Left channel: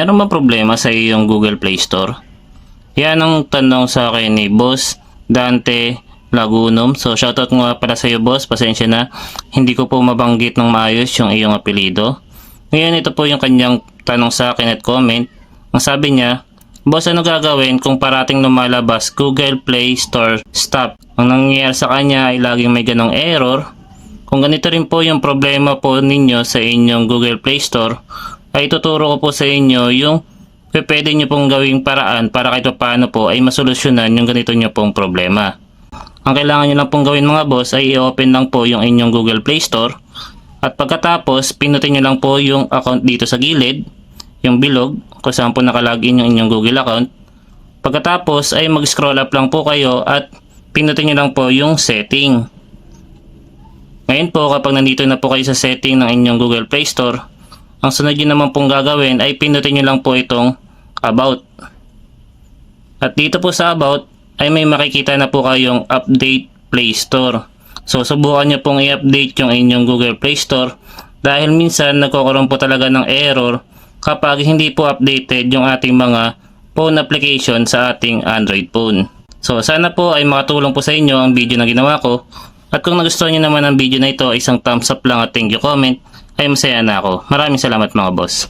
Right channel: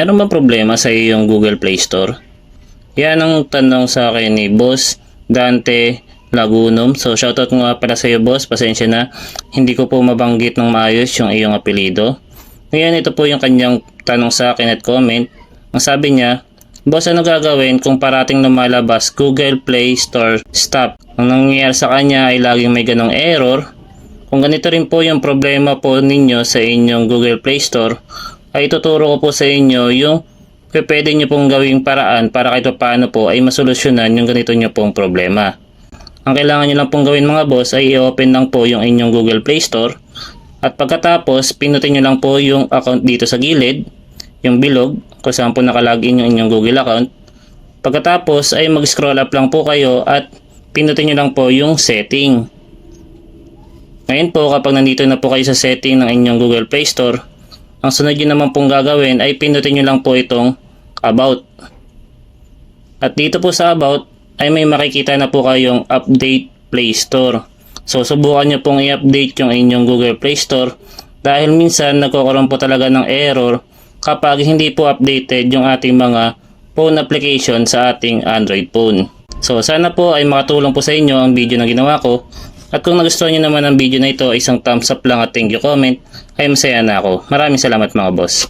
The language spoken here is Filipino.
meron ba problema sa iyong Google Play Store? Yan ang tanong sa akin ni Boss Dante Lagunum. So shoutout nga para sa iyo, boss. Pasensya na, hindi ko po mabanggit ng maayos yung iyong apelido. Ngayon, ito po yung kanyang tanong sa akin at comment. Ang sabi niya, boss, ano gagawin kung parating lumalabas Google Play Store stop? Ang nangyayari sa kanya ay laging may ganong error. Kung ganito rin po yung problema po ninyo sa inyong Google Play Store, ay tuturo ko po sa inyo yung pwede nyo pong gawing paraan para kahit paano po ay masolusyonan yung ganito nyo pong problema. Ang kailangan nyo lang pong gawin mga boss ay i-open lang po yung inyong Google Play Store at pagkatapos pinutin nyo lang po yung account dito sa gilid, yung bilog kung saan po nakalagin yung inyong Google account. Pagkatapos ay mag-scroll up lang po kayo at pinutin nyo lang po yung setting. Ngayon po, kapag nandito na po kayo sa setting ng inyong Google Play Store, ang sunod nyo naman pong gagawin ay pinutin nyo lang po itong About. At dito po sa About ay may makikita na po kayong Update Play Store. So subukan nyo pong i-update yung inyong Google Play Store dahil minsan nagkakaroon po talaga ng error kapag hindi po updated yung ating mga phone application sa ating Android phone. So sana po ay makatulong po sa inyo ang video na ginawa ko. At kung nagustuhan nyo naman ang video na ito, isang thumbs up lang at thank you comment, ay masaya na ako. Maraming salamat mga boss.